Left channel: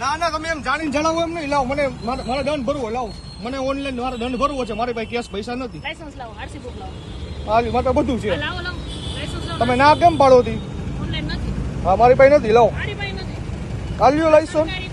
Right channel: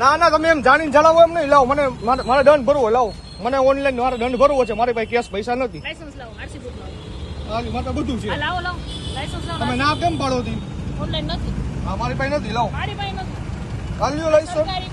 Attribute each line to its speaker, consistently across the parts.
Speaker 1: ના ના તમે એમ જાણીને જણાવો એમ નહીં. લાવો મને મારે મારે દંડ ભરવો લાવો. મને ઓનલાઈન મારે દંડ ભરવો છે. મારી પાસે કેશ પૈસા નથી.
Speaker 2: લાઇસન્સ લાવો આરસી બુક લાવો.
Speaker 1: હાલી માટે બધું છે.
Speaker 2: લાવો લાવો. લાઇસન્સ લાવો
Speaker 1: તમે ના કેમ પાડો હતી
Speaker 2: ઓનલાઈન નથી.
Speaker 1: હા મારી પાસે નથી લાવો.
Speaker 2: મારી પાસે નથી.
Speaker 1: હાલ્યો લાઇસન્સ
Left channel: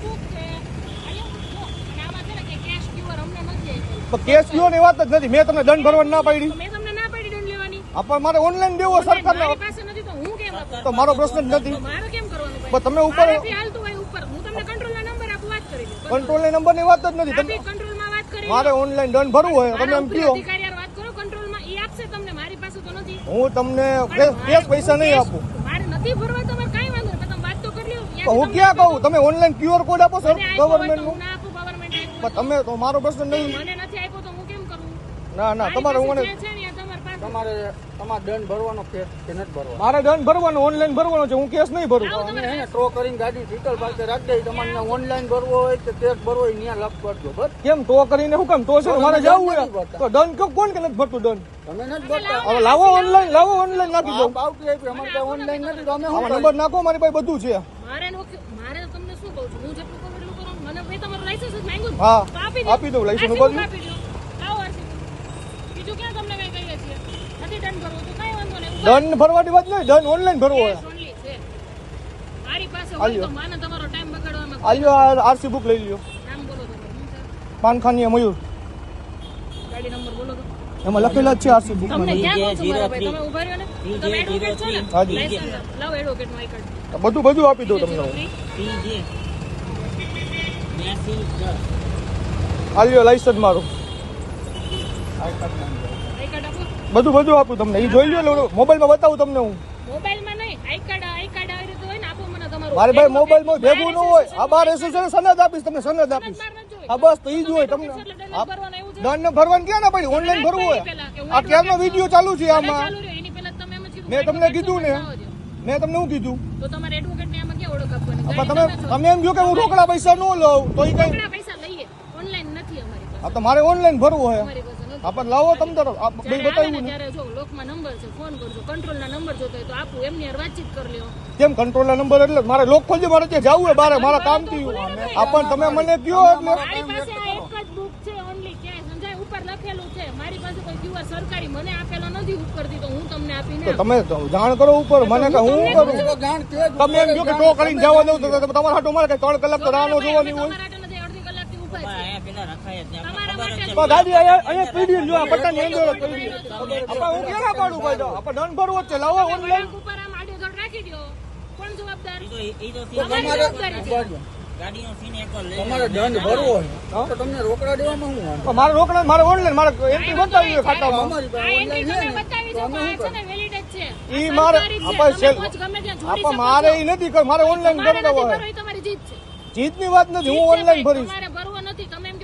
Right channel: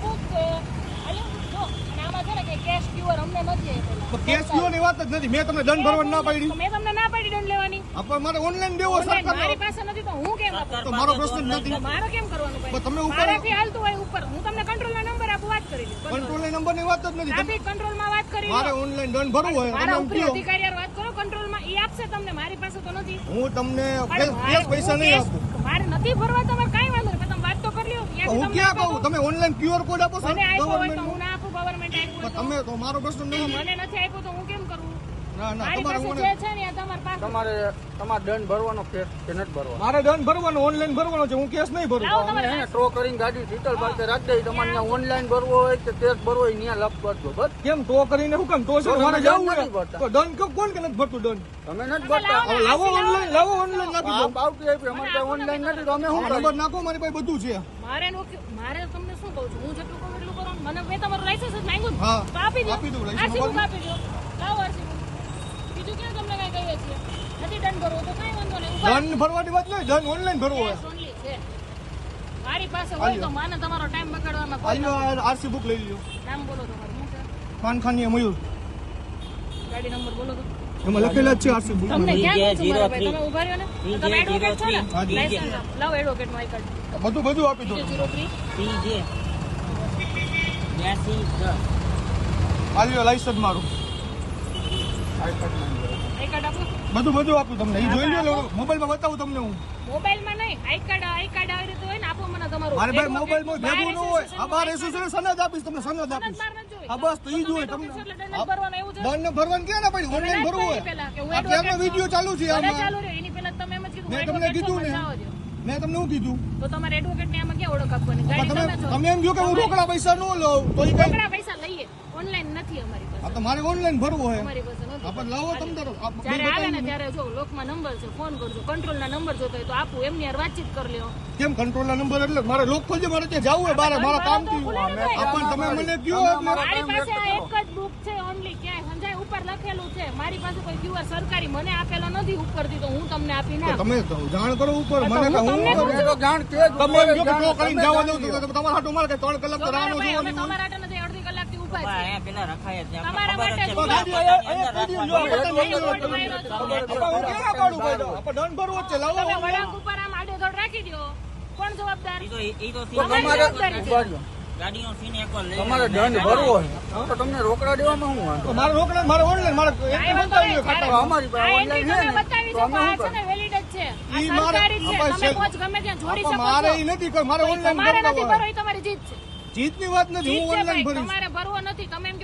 Speaker 1: કેસ કયો ની વાત જ નથી. મેં તમને દંડ ભરવા ના પાડી.
Speaker 2: મેં તમને ના પાડી દંડ લેવાની.
Speaker 1: આપણ મારે ઓનલાઈન દેવો સરકાર
Speaker 2: મારી પાસે નથી તો હું કેમ
Speaker 1: તો મારો પ્રશ્ન જ નથી.
Speaker 2: મારે કેમ કરવાનું
Speaker 1: તમે ઉપર
Speaker 2: હાલતું હોય ઉપર. હું તમને કંટ્રોલના નંબર આપું વાત કરી લ્યો
Speaker 1: કંટ્રોલ નંબરની વાત જ નથી.
Speaker 2: કંટ્રોલ કંટ્રોલમાં વાત કરી
Speaker 1: મારે ઓનલાઈન દંડ ભરવું હોય તમે એમ કયો
Speaker 2: અધિકારી વાત કરો કંટ્રોલમાં ઈ આપશે તમને મારી પાસે તો નથી.
Speaker 1: હું તમને કેશ પૈસા નહીં આપું.
Speaker 2: મારે નથી ભરવા તમારે કઈ વાંધો નહીં તમે વાત તો કરી લ્યો
Speaker 1: હું ક્યાં કહું? તમે ઓનલાઈન ક્યુઆર કોડ આપો છો ગવર્મેન્ટ તમે તો મારો પ્રશ્ન નહીં
Speaker 2: મને નથી આપ્યો તો હું કેમ કરું?
Speaker 1: ના ના
Speaker 2: મારી
Speaker 1: તમારે
Speaker 2: હું છે ને એ તમારી પાસે
Speaker 3: તમારે દંડ ભરવાનો કે કે નથી ભરવાનો?
Speaker 1: મારે દંડ ભરવાનો ઓનલાઈન ભરવાનો છે હું કેસ નહીં ભરું.
Speaker 3: એને ટ્રો કરીને ગાડી શીતલ પાસે રાખી દઈ. તમારે ત્યાં ઓનલાઈન ભરવો હોય કે ચેક ભરવો હોય ત્યાં લખ કરજો બસ.
Speaker 1: કેમ તો કરીને શું કામ? તો છે મારે જવું હોય તો દંડ કેમ કોણ કે નથી ભરતું દંડ?
Speaker 3: તમે નથી ભરતા.
Speaker 1: હવે લાવો ઓનલાઈન લાવો ઓનલાઈન નાખી દો
Speaker 3: બાવકી આપી. અમારે ત્યાં ઓનલાઈન નથી તો અમે
Speaker 1: હું નંબર નાખો મારી પાસે બધું છે.
Speaker 2: મારે મારે તમને શું કહું છું હું જેટલું કરું એટલું કરો. મને મેં તમારું લાયસન્સ માંગ્યું.
Speaker 1: હા
Speaker 2: આપી
Speaker 1: દઉં લાયસન્સ
Speaker 2: આપી દો લાવો RC book. બીજું ક્યાં તમને કઈ કહીએ છીએ નથી દંડ ભરવો તો કઈ વાંધો નહીં ઉપર
Speaker 1: દંડ ભરવાની વાત નહીં દંડ ઓનલાઈન ભરવો
Speaker 2: મારી પાસે હોય તો માને તમારો ટાઈમ બગાડવામાં
Speaker 1: આલ્યો આરસી બુક લઈ લ્યો.
Speaker 2: નામ બોલો તમારું શું
Speaker 1: મયુર
Speaker 2: ગાડી નંબર બોલો તો.
Speaker 1: એમાં લખેલા જ છે આરસી બુક
Speaker 2: તમને ક્યાં કહું ભાઈ? તમે ઊભા રહ્યો ને? તમે એડવોકેટ છો ને?
Speaker 1: હાજી.
Speaker 2: લાયસન્સ આપો. લાવો એડવોકેટનું કાર્ડ
Speaker 1: બધું બધું આપી દો તમને.
Speaker 2: થ્રી
Speaker 1: આલ્યો લાયસન્સ મારું.
Speaker 2: આઈ કાર્ડ આપો.
Speaker 1: બધું બધું આપું તમને. એ જોઈ લો મોબાઈલમાં બતાવું તમને હું.
Speaker 2: મોબાઈલમાં નહીં આઈ કાર્ડ આઈ કાર્ડ આવી રીતે હોય ને આપો મને તમારું.
Speaker 1: મારે ભાઈ મોબાઈલમાં ભેગું ન હોય. આ બાર એસોસિએશન સનદ આપીશ તમને સનદ આપીશ.
Speaker 2: બાર નથી જોઈ.
Speaker 1: હા બસ તો ઈ જ હોય તમને.
Speaker 2: દંડ ભરવાનો
Speaker 1: ક્યાં ના પડી ઓનલાઈન ભરવું હોય. આ વીડિયો ચાલુ છે આમાં? મેં તમને કીધું ને. મેં તમને શું કીધું.
Speaker 2: તો તમારે એડવોકેટ ને આમાં ક્યાં ઓળખ આપવાની?
Speaker 1: તમે
Speaker 2: તમે
Speaker 1: એમ કહો કે હું રોકડા પૈસા ન લઉં તો ઈ કઈ
Speaker 2: પૈસા લઈએ. ઓનલાઈન નથી અમારી પાસે.
Speaker 1: આ તો મારે ઓનલાઈન ભરવું હોય.
Speaker 2: અમારી પાસે નથી.
Speaker 1: આ પણ લાવો તમ તારો આ બે
Speaker 2: જ્યારે ને
Speaker 1: બતાવ્યું
Speaker 2: ત્યારે જો લોકમાં નંબર છે ફોન કરજો કંટ્રોલ ના નંબર જોતો હોય તો આપું એમની હારે વાતચીત કરી લ્યો.
Speaker 1: કેમ કંટ્રોલ નંબર એટલે મારે લોક ખોલજો મારે ત્યાં જવું હોય બારે મારા કામથી આ આપણ તમે મને કયો એટલે?
Speaker 2: મારી પાસે આ એક જ બુક છે ઓન્લી ક્યાંય સંજય ઉપર લખેલું છે. મારી પાસે કોઈ ક્યુઆર સરકારી મને આપેલો નથી ઉપરથી તો હું તમને આપીને
Speaker 1: ના તમે જાણ કરો ઉપર. મને તો હું
Speaker 3: જાણ તે
Speaker 1: તમે એમ કહો કે ટો કરીને જવા દઉં તો તમારા હાટો મારે કે ત્રણ કલાક તો રાહ ન જોવાની હોય. તો ગાડી અહીંયા અહીંયા પીડી લ્યો કરતા નહીં આપણે હું ક્યાં ભાઈ તો? આપણે દંડ ભરવો છે લાવો ઓનલાઈન
Speaker 2: ઉપર આમ આડેધડ રાખી દ્યો. કોણ જવાબદાર?
Speaker 4: ઈ તો ઈ તો
Speaker 3: તો
Speaker 2: તમારે
Speaker 3: દંડ ભરવો તો તમને રોકડા દેવામાં શું વાંધો?
Speaker 1: મારે રોકડા મારે ઓનલાઈન મારે એન્ટ્રી બતાવી
Speaker 3: અમારી પાસે ઓનલાઈન છે
Speaker 1: ઈ મારે આપણે
Speaker 2: તમે
Speaker 1: સેલ-
Speaker 2: પોચ ગમે ત્યાં જોડી
Speaker 1: આપણે
Speaker 2: શકો
Speaker 1: મારે
Speaker 2: એ
Speaker 1: ઈ નથી મારે ઓનલાઈન
Speaker 2: ભરવું, જીતની
Speaker 1: જીતની વાત નથી હું ઓનલાઈન ભરીશ. minutito me